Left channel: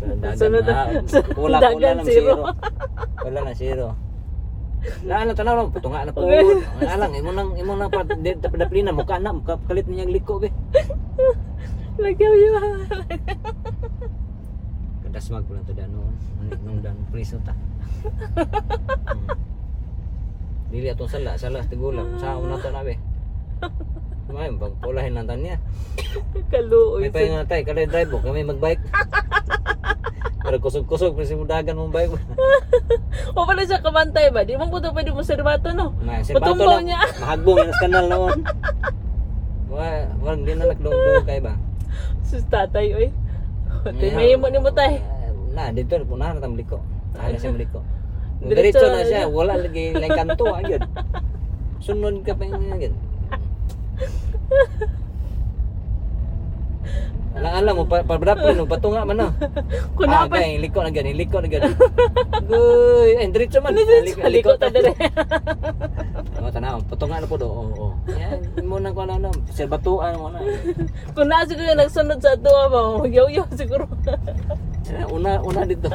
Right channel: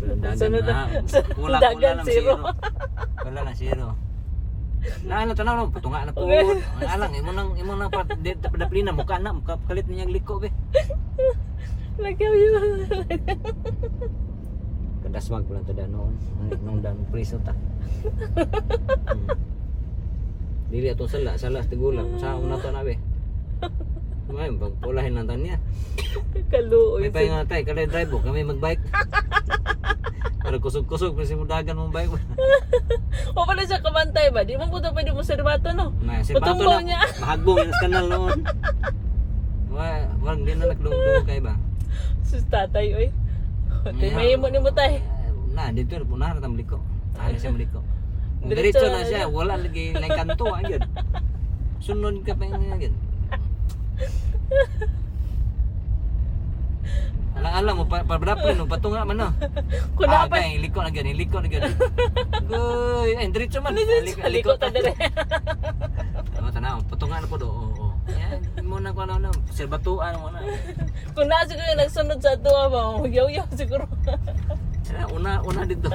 Dagan na. Pula dagan, ng zero. zero. Wala na zero. Ano tanaw no, putunga na po. Ang alang imo nang daplina mo kana mo kalit niya liko be. Lagyaw yun. Kadasmag ko lang to noon. Nung dan priso ta. Dili atong sala tigulang. Sa una to na be. May pagpulahin lang tanya. Kaluoy. May pahinga tay kada drive mo kami magbike. Pero kusog-kusog kasi mo dagan mong bike. O pala siya kabantay ba? Di mo po ito pwede mo serbato no? May si bato Patumbaw na niya. mahagbong yung kanal noon. Wag din na nakdungdung kay ba. Sus tatay oy. May mo ni mo tay. Na dito na tam liko. Ay siya liko. Diretso Diretso na na siya, wala lagi lang kanto agad. Sunod ka pa yung agad. Alam mo pabrapin no patunga man no. Kuna pa. Gay liko na gani, liko na gani. Guy, diretso man. Liko ta dire. Tanaw, patunga na po do. Oo. Yan mo na ko na serbatuan mo na. Kuna siguro nagsunod sa ato ba? Yaw-yaw siguro. Una dito.